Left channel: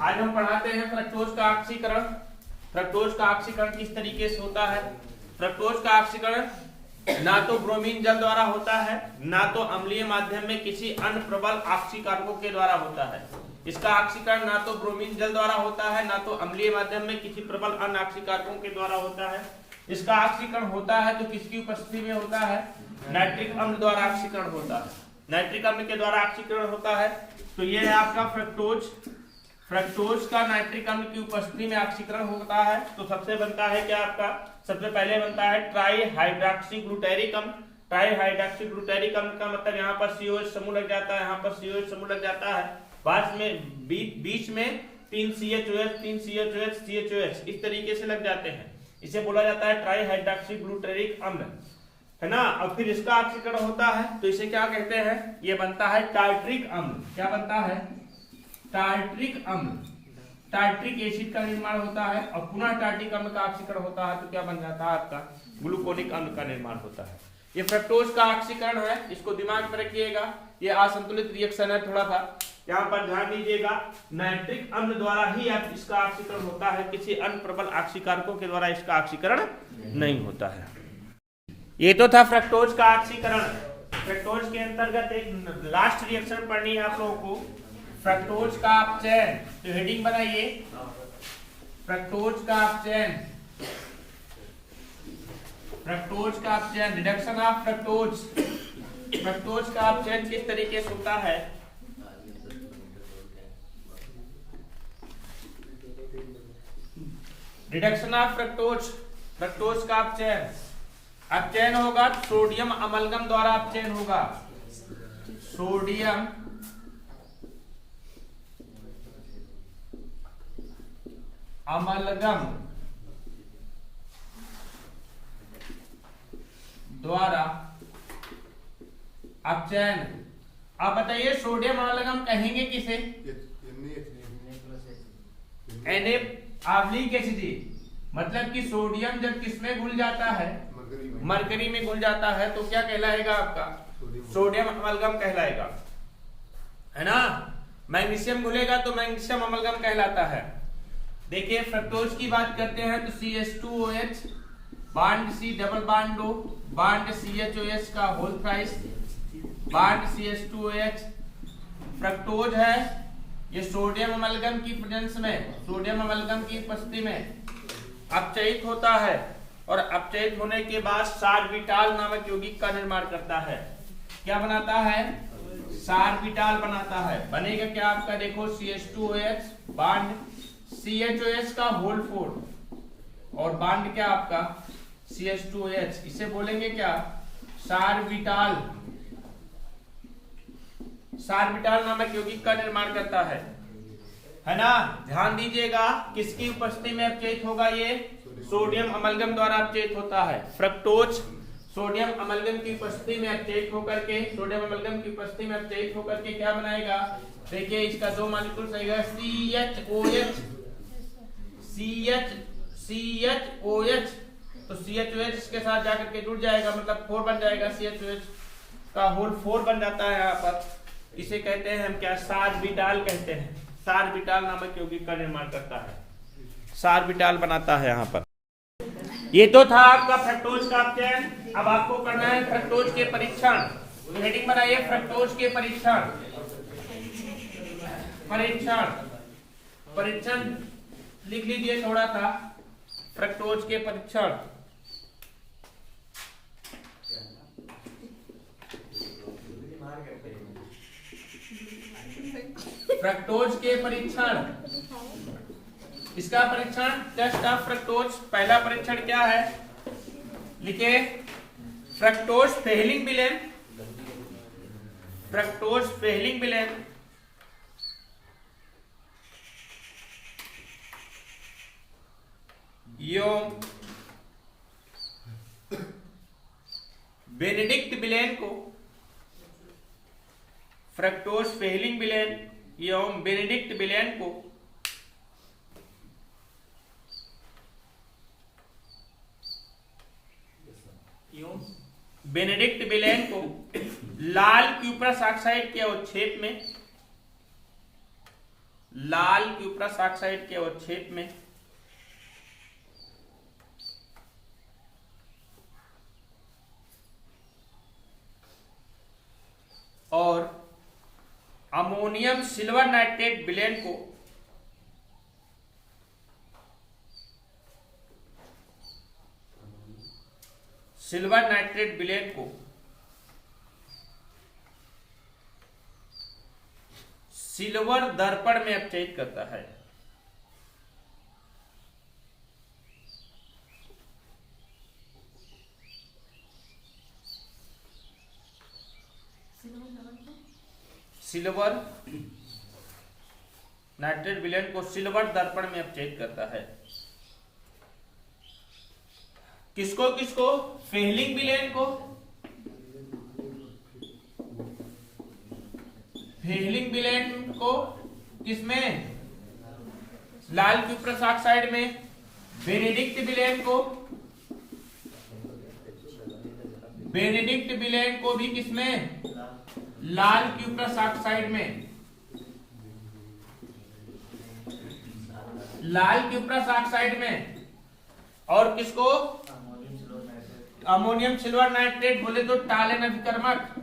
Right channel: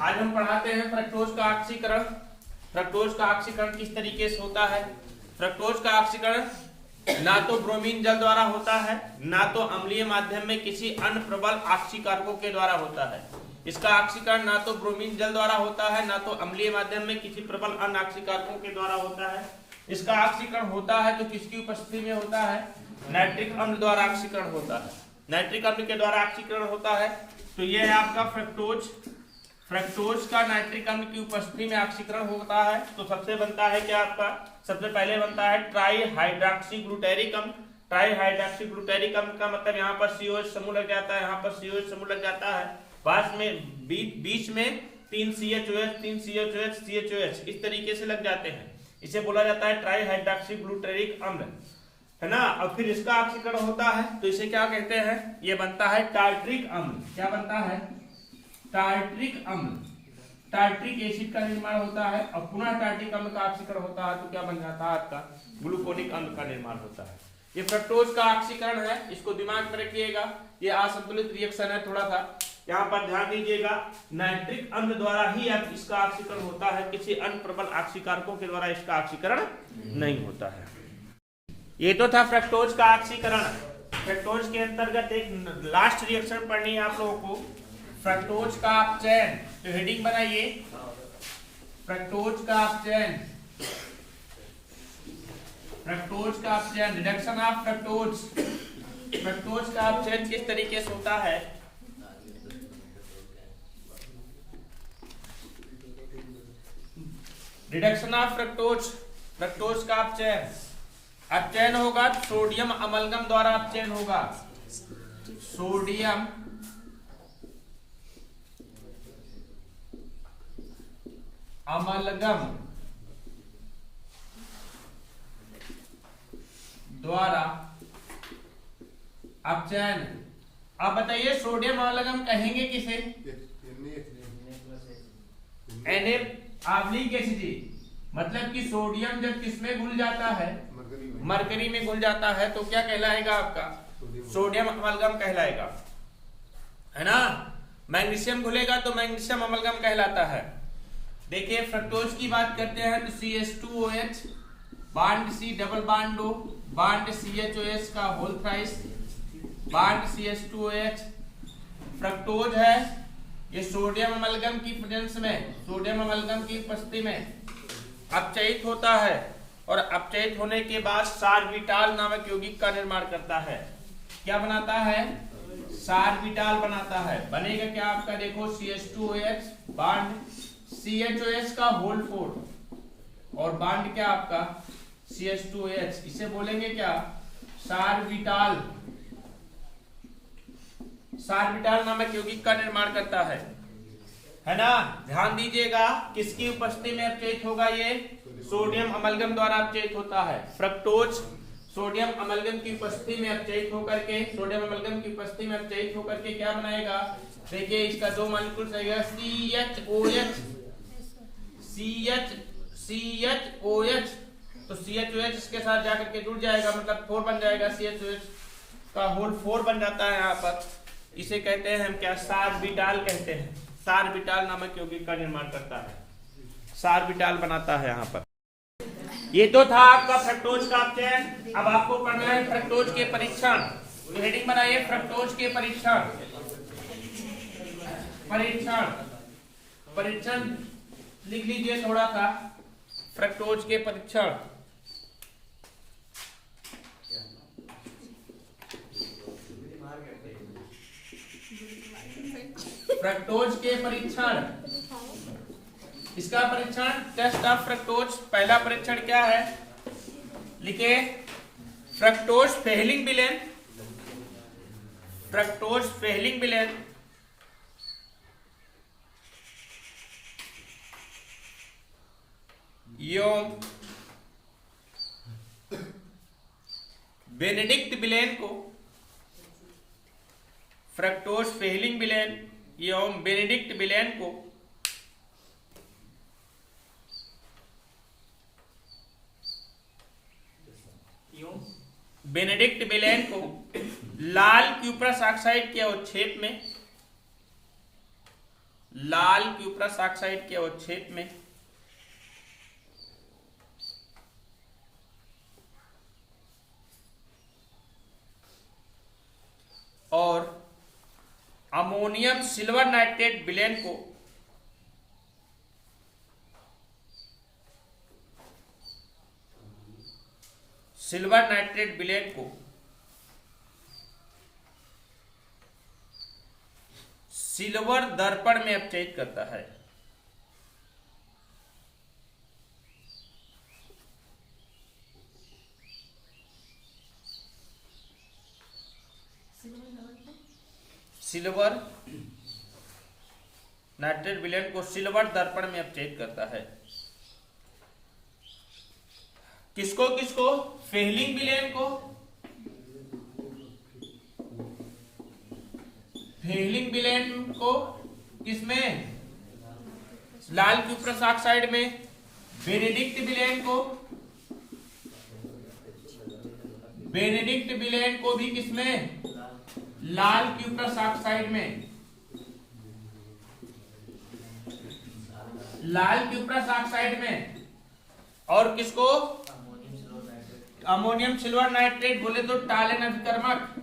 आज हम पढ़ाते हैं फ्रक्टोज का ऑक्सीकरण। फ्रक्टोज का ऑक्सीकरण किस तरीके से होता है। फ्रक्टोज का ऑक्सीकरण ना तो ब्रोमीन जल द्वारा होता है, ना तो अम्लीय माध्यम में किसी अन्य प्रबल ऑक्सीकारकों के द्वारा होता है। इसका ऑक्सीकरण ना तो ब्रोमीन जल द्वारा होता है, ना तो अम्लीय माध्यम में किसी प्रबल अन्य ऑक्सीकारकों के द्वारा होता है। इसका ऑक्सीकरण होता है तो किसकी उपस्थिति में होता है, नाइट्रिक अम्ल द्वारा ऑक्सीकरण होता है। नाइट्रिक अम्ल के द्वारा ऑक्सीकरण होता है। तो यह है आपका फ्रक्टोज। फ्रक्टोज का नाइट्रिक अम्ल की उपस्थिति में ऑक्सीकरण होता है तो सबसे बनता है क्या आपका, सबसे पहले बनता है ट्राई हाइड्रॉक्सी ग्लूटेरिक अम्ल। ट्राई हाइड्रॉक्सी ग्लूटेरिक अम्ल का मतलब यहाँ पर COH समूह लग जाता है, यहाँ पर COH समूह लग जाता है, पास में बीच में 3 CHOH 3 CHOH CHOH इस तरीके से लग जाते हैं। इसे बोला जाता है ट्राई हाइड्रॉक्सी ग्लूटेरिक अम्ल, है ना। और फिर इसका ऑक्सीकरण होता है तो इसे क्या कहते हैं, ये बनता है टार्ट्रिक अम्ल। क्या बनता है, टार्ट्रिक अम्ल। टार्ट्रिक एसिड का निर्माण होता है और पुनः टार्ट्रिक अम्ल का ऑक्सीकरण होता है तो क्या बन जाता है आपका, ग्लूकोनिक अम्ल का निर्माण होता है। ये फ्रक्टोज का ऑक्सीकरण है, इसको दिमाग में रखिएगा। ये असंतुलित रिएक्शन है थोड़ा सा, यहाँ पर ध्यान दीजिएगा। नाइट्रिक अम्ल द्वारा ही अब इसका ऑक्सीकरण होता है, किसी अन्य प्रबल ऑक्सीकारकों के द्वारा इसका ऑक्सीकरण नहीं होता है। ये तो था फ्रक्टोज का ऑक्सीकरण। फ्रक्टोज के अंतर्गत एक लास्ट रिएक्शन पढ़नी है आप लोगों को, फ्रक्टोज का अपचयन। तो हेडिंग बनाइए, फ्रक्टोज का अपचयन। फ्रक्टोज का अपचयन, रिडक्शन ऑफ फ्रक्टोज। फ्रक्टोज का अपचयन किस तरीके से होता है। रिडक्शन ऑफ फ्रक्टोज, फ्रक्टोज का अपचयन। अपचयन होगा सोडियम अमलगम द्वारा अपचयन होगा। सोडियम अमलगम द्वारा अपचयन। आप बताइए सोडियम अमलगम कहेंगे किसे, Na एसिड। मतलब कि सोडियम जब किसमें घुल जाता है, मरकरी में घुल जाता है तो क्या कहलाएगा आपका, सोडियम अमलगम कहलाएगा, है ना। मैग्नीशियम घुलेगा तो मैग्नीशियम अमलगम कहलाता है। देखिए फ्रक्टोज की बात करते हैं तो CH2OH bond C double bond O bond CHOH का whole thrice bond CH2OH। Fructose है ये सोडियम अमलगम की प्रेजेंस में, सोडियम अमलगम की उपस्थिति में अपचयित होता है और अपचयित होने के बाद सार्बिटाल नामक यौगिक का निर्माण करता है। क्या बनाता है, सार्बिटाल बनाता है। बनेगा क्या आपका, देखो CH2OH बांड CHOH का होल 4 और बांड क्या आपका CH2OH, इसे बोलेंगे क्या, सार्बिटाल। सार्बिटाल नामक यौगिक का निर्माण करता है ना। ध्यान दीजिएगा किसकी उपस्थिति में अपचयित होगा, ये सोडियम अमलगम द्वारा अपचयित होता है। फ्रक्टोज सोडियम अमलगम की उपस्थिति में अपचयित होकर के, सोडियम अमलगम की उपस्थिति में अपचयित होकर के क्या बनाएगा, देखिए इसका 2 मॉलिक्यूल रहेगा CHOH CHOH। तो CHOH इसके साथ जाकर के जुड़ जाएगा, मतलब 4 बन जाएगा, CHOH का होल 4 बन जाता है यहाँ पर। इसे कहते हैं हम क्या, सार्बिटाल कहते हैं। सार्बिटाल नामक यौगिक का निर्माण करता है, सार्बिटाल बनाता है यहाँ पर। ये तो था आपका फ्रक्टोज का अपचयन। अब आपको करना है फ्रक्टोज के परीक्षण। तो हेडिंग बनाइए, फ्रक्टोज के परीक्षण। परीक्षण परीक्षण लिख लीजिए थोड़ा सा, फ्रक्टोज के परीक्षण। फ्रक्टोज के परीक्षण, इसका परीक्षण टेस्ट ऑफ फ्रक्टोज। पहला परीक्षण क्या है, लिखे fructose Fehling villain. Fructose Fehling villain एवं बेनेडिक्ट विलेन को, फ्रक्टोज फेहलिंग विलेन एवं बेनेडिक्ट विलेन को बेनेडिक्ट विलेन को लाल क्यूप्रस ऑक्साइड के अवक्षेप में लाल क्यूप्रस ऑक्साइड के अवक्षेप में और अमोनियम सिल्वर नाइट्रेट विलेन को सिल्वर दर्पण में अपचयित करता है। सिल्वर नाइट्रेट विलेन को सिल्वर दर्पण में अपचयित करता है। किसको किसको? फेहलिंग विलेन को, फेहलिंग विलेन को किसमें? लाल क्यूप्रस ऑक्साइड में। बेनेडिक्ट विलेन को, बेनेडिक्ट विलेन को भी किसमें? लाल क्यूप्रस ऑक्साइड में। लाल क्यूप्रस ऑक्साइड में। और किसको? अमोनियम सिल्वर नाइट्रेट बोले तो टालन अभिकर्मक,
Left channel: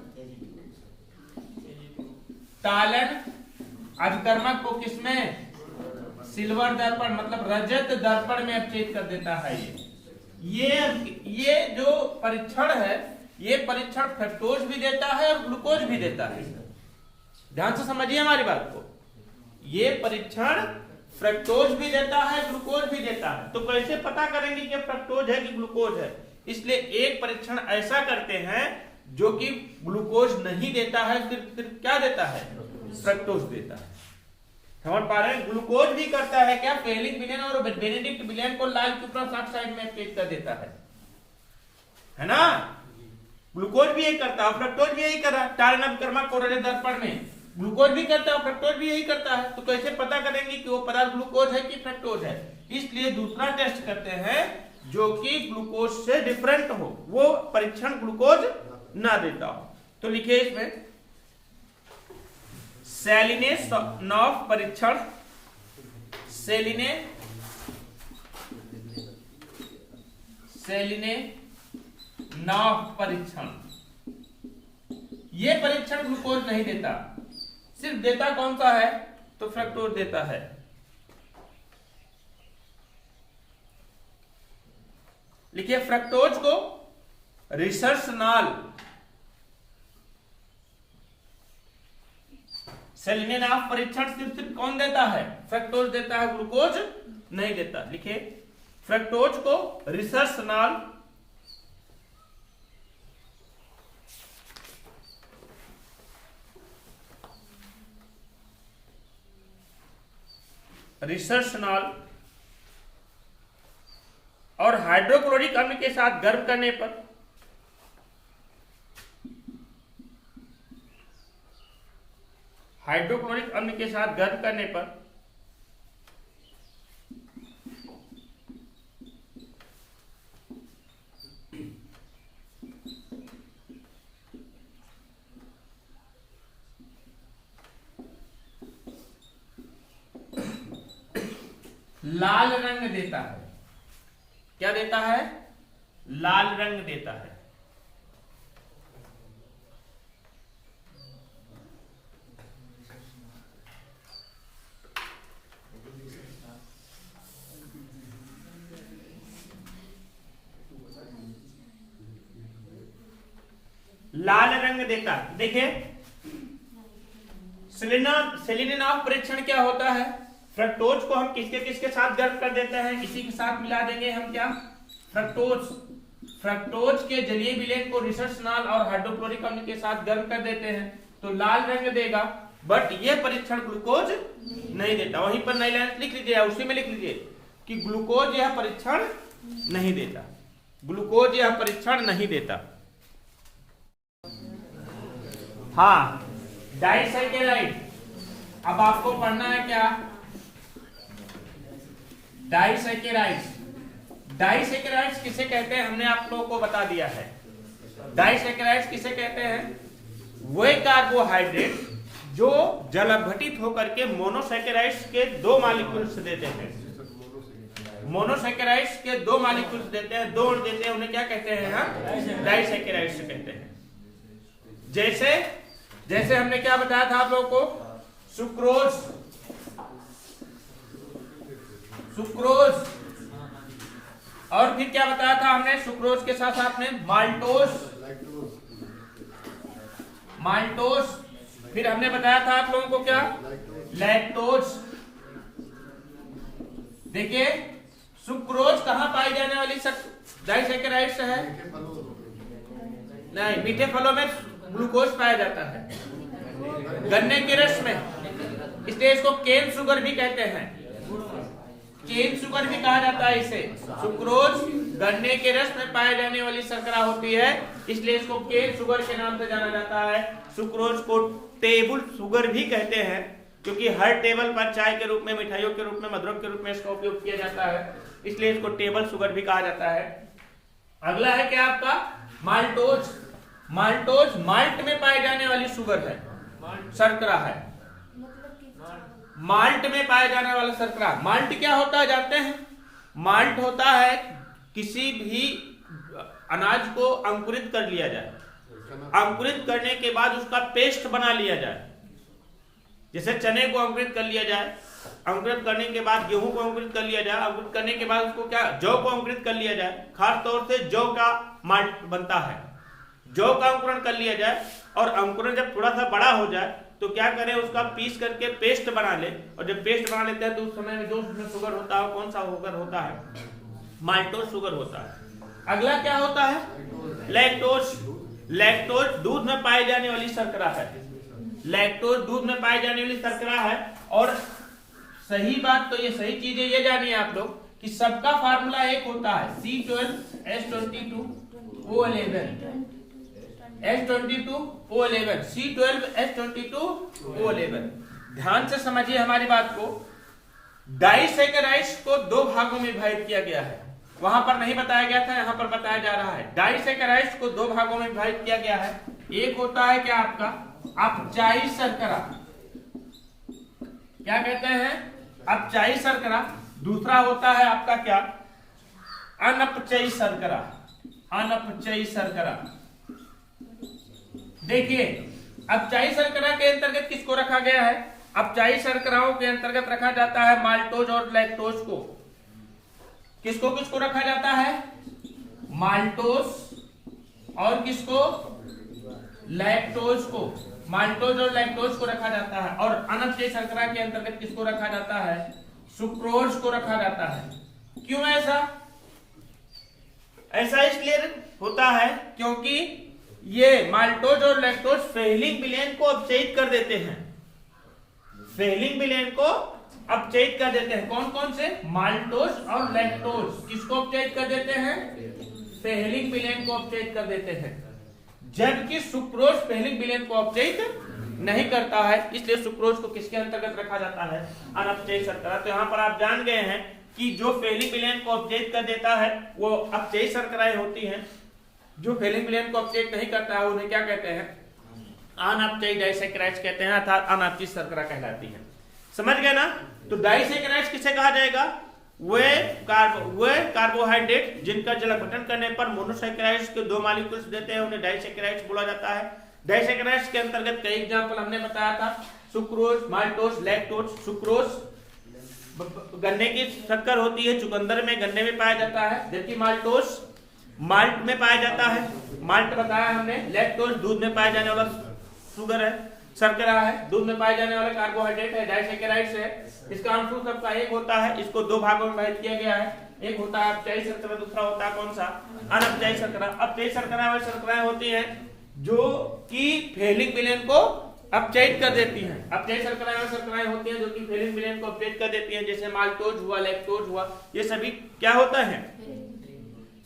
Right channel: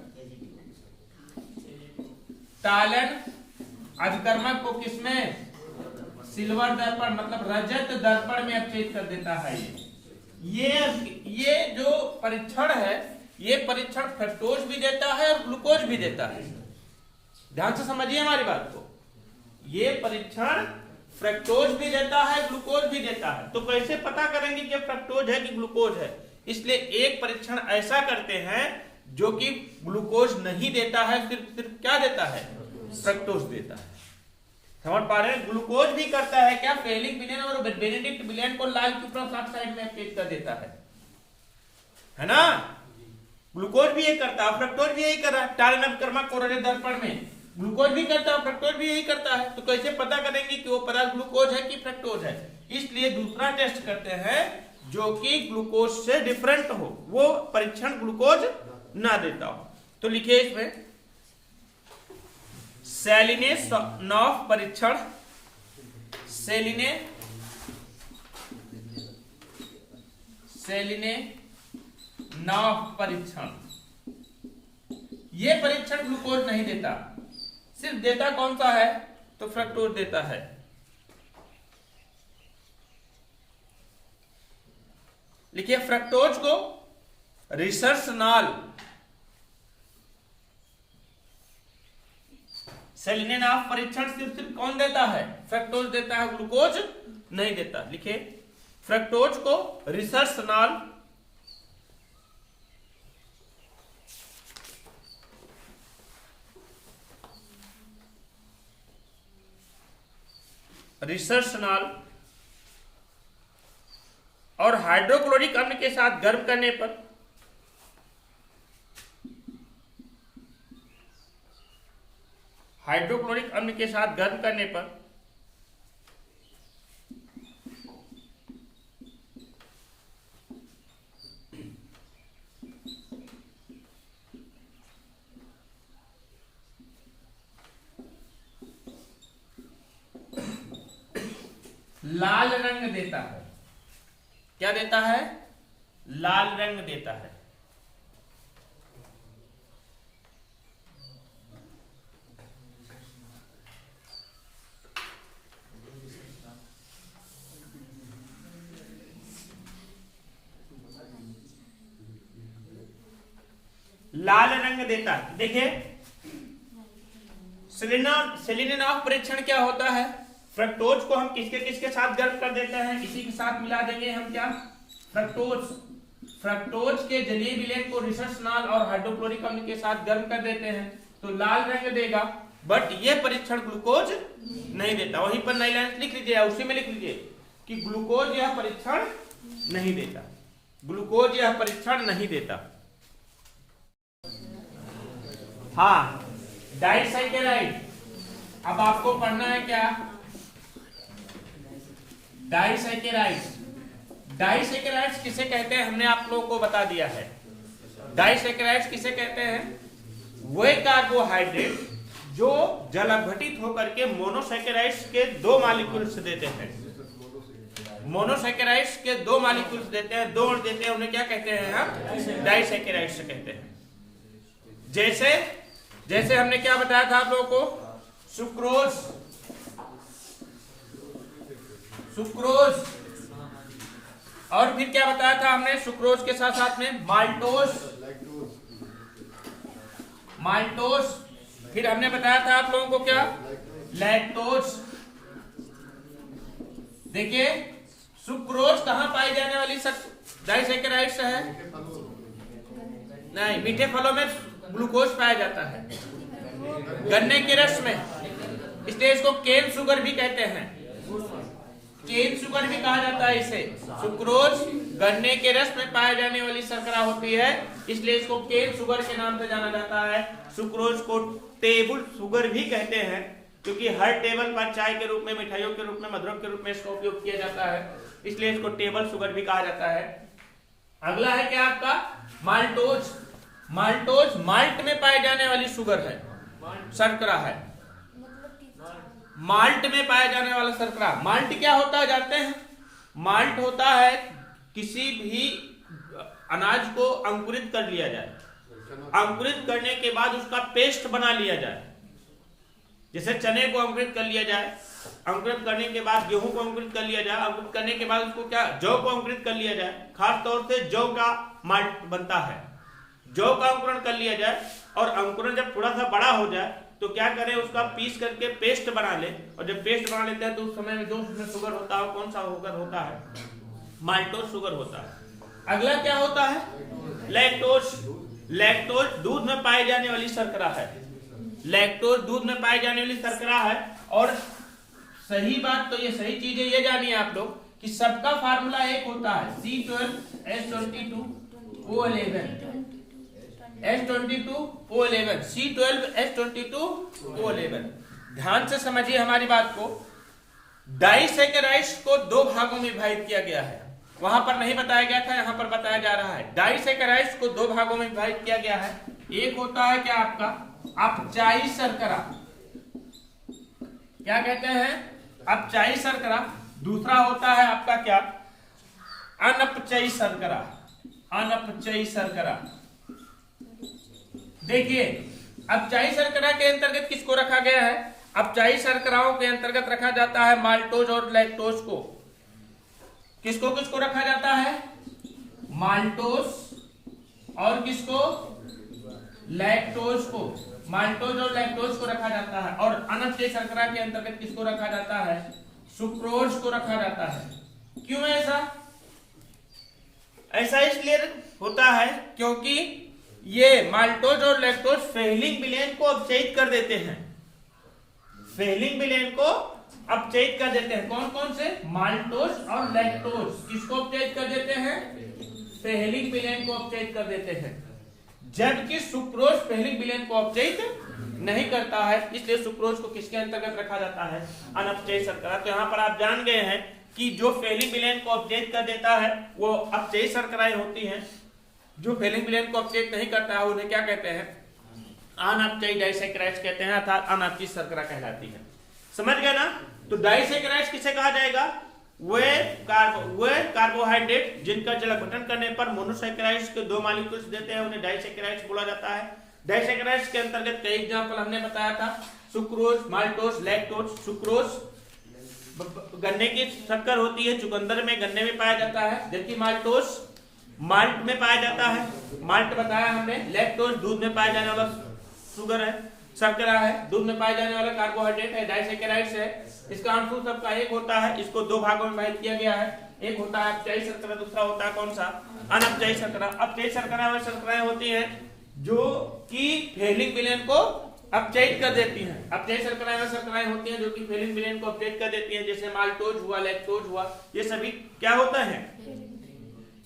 टालन अभिकर्मक को किसमें? सिल्वर दर्पण मतलब रजत दर्पण में अपचयित कर देता है। ये जो परीक्षण है, ये परीक्षण फ्रक्टोज भी देता है और ग्लूकोज भी देता है। ध्यान से समझिए हमारी बात को। ये परीक्षण फ्रक्टोज भी देता है, ग्लूकोज भी देता है। तो कैसे पता करेंगे कि फ्रक्टोज है कि ग्लूकोज है? इसलिए एक परीक्षण ऐसा करते हैं जो कि ग्लूकोज नहीं देता है, सिर्फ क्या देता है? फ्रक्टोज देता है। समझ पा रहे हैं? ग्लूकोज भी करता है क्या? फेहलिंग विलेन और बेनेडिक्ट विलेन को लाल क्यूप्रस ऑक्साइड में अपचयित कर देता है ना? ग्लूकोज भी यही करता है, फ्रक्टोज भी यही कर रहा है। टालन अभिकर्मक को रजत दर्पण में ग्लूकोज भी करता है, फ्रक्टोज भी यही करता है। तो कैसे पता करेंगे कि वो पदार्थ ग्लूकोज है कि फ्रक्टोज है? इसलिए दूसरा टेस्ट करते हैं जो कि ग्लूकोज से डिफरेंट हो, वो परीक्षण ग्लूकोज ना देता हो। तो लिखिए इसमें सेलिनेनॉफ परीक्षण, सेलिनेनॉफ परीक्षण। ये परीक्षण ग्लूकोज नहीं देता, सिर्फ देता कौन सा है? तो फ्रक्टोज देता है। लिखिए फ्रक्टोज को रिसर्चनॉल, सेलिनेनॉफ परीक्षण सिर्फ कौन देता है? फ्रक्टोज देता है, ग्लूकोज नहीं देता। लिखिए फ्रक्टोज को रिसर्चनॉल और हाइड्रोक्लोरिक अम्ल के साथ गर्म करने पर हाइड्रोक्लोरिक अम्ल के साथ गर्म करने पर लाल रंग देता है। क्या देता है? लाल रंग देता है। लाल रंग देता है। देखिए सेलिनेनॉफ परीक्षण क्या होता है? फ्रक्टोज को हम किसके किसके साथ गर्म कर देते हैं? इसी के साथ मिला देंगे हम क्या? फ्रक्टोज के जलीय विलेन को रिसर्चनॉल और हाइड्रोक्लोरिक अम्ल के साथ गर्म कर देते हैं तो लाल रंग देगा। बट ये परीक्षण ग्लूकोज नहीं देता। वहीं पर नई लाइन लिख लीजिए, उसी में लिख लीजिए कि ग्लूकोज यह परीक्षण नहीं देता, ग्लूकोज यह परीक्षण नहीं देता। हाँ, डाइसैकेराइड। अब आपको पढ़ना है क्या? डाइसैकेराइड्स किसे कहते हैं हमने आप लोगों को बता दिया है। डाइसैकेराइड्स किसे कहते हैं? वे कार्बोहाइड्रेट जो जल अपघटित होकर के मोनोसैकेराइड्स के 2 मॉलिक्यूल्स देते हैं। मोनोसैकेराइड्स के 2 मॉलिक्यूल्स देते हैं, 2 देते हैं, उन्हें क्या कहते हैं हम? डाइसैकेराइड्स कहते हैं। जैसे हमने क्या बताया था आप लोगों को? सुक्रोज और फिर क्या बताया था हमने? सुक्रोज के साथ साथ में माल्टोस, फिर हमने बताया था आप लोगों को क्या? लैक्टोज। देखिए सुक्रोज कहां पाई जाने वाली डाइसैकेराइड्स है? नहीं, मीठे फलों में ग्लूकोज पाया जाता है, गन्ने के रस में, इसलिए इसको केन शुगर भी कहते हैं। केन शुगर भी कहा जाता है इसे। सुक्रोज गन्ने के रस में पाए जाने वाली शर्करा होती है, इसलिए इसको केन शुगर के नाम से जाना जाता है। सुक्रोज को टेबल शुगर भी कहते हैं, क्योंकि हर टेबल पर चाय के रूप में, मिठाइयों के रूप में, मधुरम के रूप में इसका उपयोग किया जाता है, इसलिए इसको टेबल शुगर भी कहा जाता है। अगला है क्या आपका? माल्टोज माल्ट में पाए जाने वाली शुगर है, शर्करा है। माल्ट में पाए जाने वाला शर्करा। माल्ट क्या होता है जानते हैं? माल्ट होता है किसी भी अनाज को अंकुरित कर लिया जाए, अंकुरित करने के बाद उसका पेस्ट बना लिया जाए। जैसे चने को अंकुरित कर लिया जाए, अंकुरित करने के बाद गेहूं को अंकुरित कर लिया जाए, अंकुरित करने के बाद उसको क्या, जौ को अंकुरित कर लिया जाए। खास तौर से जौ का माल्ट बनता है, जौ का अंकुरण कर लिया जाए, और अंकुरण जब थोड़ा सा बड़ा हो जाए तो क्या करें, उसका पीस करके पेस्ट बना ले, और जब पेस्ट बना लेते हैं तो उस समय में जो उसमें शुगर होता है, कौन सा शुगर होता है? माल्टोज शुगर होता है। अगला क्या होता है? लैक्टोज दूध में पाए जाने वाली शर्करा है। लैक्टोज दूध में पाए जाने वाली शर्करा है। और सही बात तो ये सही चीज है, ये जानिए आप लोग कि सबका फार्मूला एक होता है, C12H22O11, H22O11, C12H22O11। ध्यान से समझिए हमारी बात को। डाइसैकेराइड्स को 2 भागों में विभाजित किया गया है, वहां पर नहीं बताया गया था, यहां पर बताया जा रहा है। डाइसैकेराइड्स को 2 भागों में विभाजित किया गया है। एक होता है क्या आपका? अपचायी शर्करा, क्या कहते हैं? अपचायी शर्करा। दूसरा होता है आपका क्या? अनपचयी शर्करा। अनपचयी शर्करा। देखिए अपचायी शर्करा के अंतर्गत किसको रखा गया है? अपचायी शर्कराओं के अंतर्गत रखा जाता है माल्टोज और लैक्टोज को। किसको किसको रखा जाता है? माल्टोज और किसको? लैक्टोज को। माल्टोज और लैक्टोज को रखा जाता है। और अनपचयी शर्करा के अंतर्गत किसको रखा जाता है? सुक्रोज को रखा जाता है। क्यों ऐसा? ऐसा इसलिए होता है क्योंकि ये माल्टोज और लैक्टोज फेलिंग विलेन को अपचयित कर देते हैं। फेलिंग विलेन को अपचयित कर देते हैं। कौन कौन से? माल्टोज और लैक्टोज। किसको अपचयित कर देते हैं? फेलिंग विलेन को अपचयित कर देते हैं। जबकि सुक्रोज फेलिंग विलेन को अपचयित नहीं करता है, इसलिए सुक्रोज को किसके अंतर्गत रखा जाता है? अनपचयी शर्करा। तो यहाँ पर आप जान गए हैं कि जो फेलिंग विलेन को अपचयित कर देता है वो अपचयी शर्कराएं होती हैं। जो फेलिंग विलेन को अपचयित नहीं करता है उन्हें क्या कहते हैं? अनपचयी डाइसैकेराइड्स कहते हैं, अर्थात अनपचयी शर्करा कहलाती है। समझ गए ना? तो डाइसैकेराइड्स किसे कहा जाएगा? वे कार्बोहाइड्रेट जिनका जल अपघटन करने पर मोनोसैकेराइड्स के 2 मॉलिक्यूल्स देते हैं, उन्हें डाइसैकेराइड्स बोला जाता है। डाइसैकेराइड्स के अंतर्गत कई एग्जांपल हमने बताया था, सुक्रोज, माल्टोज, लैक्टोज। सुक्रोज गन्ने की शक्कर होती है, चुकंदर में, गन्ने में पाया जाता है, जबकि माल्टोज माल्ट में पाया जाता है। माल्ट बताया हमने। लैक्टोज दूध में पाया जाने वाला शुगर है, शर्करा है, दूध में पाए जाने वाला कार्बोहाइड्रेट है, डाइसैकेराइड्स है। इसका आंसर सबका एक होता है। इसको 2 भागों में विभाजित किया गया है। एक होता है अपचयी शर्करा, दूसरा होता है कौन सा? अनपचयी शर्करा। अपचयी शर्करा व शर्कराएं होती हैं जो कि फेलिंग विलेन को अपचयित कर देती हैं। अपचयी शर्कराएं व शर्कराएं होती हैं जो कि फेलिंग विलेन को अपचयित कर देती हैं, जैसे माल्टोज हुआ, लैक्टोज हुआ, ये सभी क्या होता है?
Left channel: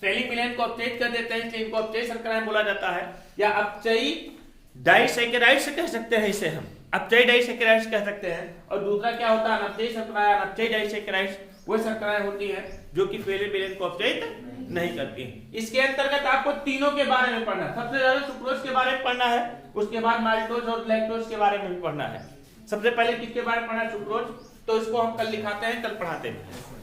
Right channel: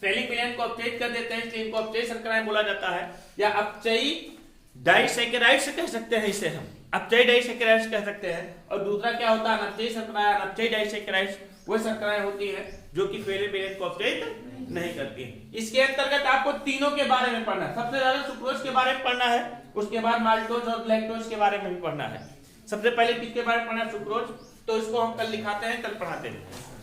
फेलिंग विलेन को अपचयित कर देते हैं, इसलिए इनको अपचयी शर्कराएं बोला जाता है। या अपचयी डाइसैकेराइड्स कह सकते हैं इसे हम, अपचयी डाइसैकेराइड्स कह सकते हैं। और दूसरा क्या होता है? अनपचयी शर्करा, अनपचयी डाइसैकेराइड्स। वो शर्कराएं होती हैं जो कि फेलियर बैलेंस को अपडेट नहीं करती हैं। इसके अंतर्गत आपको तीनों के बारे में पढ़ना है। सबसे ज्यादा सुक्रोज के बारे में पढ़ना है, उसके बाद माल्टोज और लैक्टोज के बारे में भी पढ़ना है। सबसे पहले किसके बारे में पढ़ना है? सुक्रोज। तो इसको हम कल लिखाते हैं, कल पढ़ाते हैं।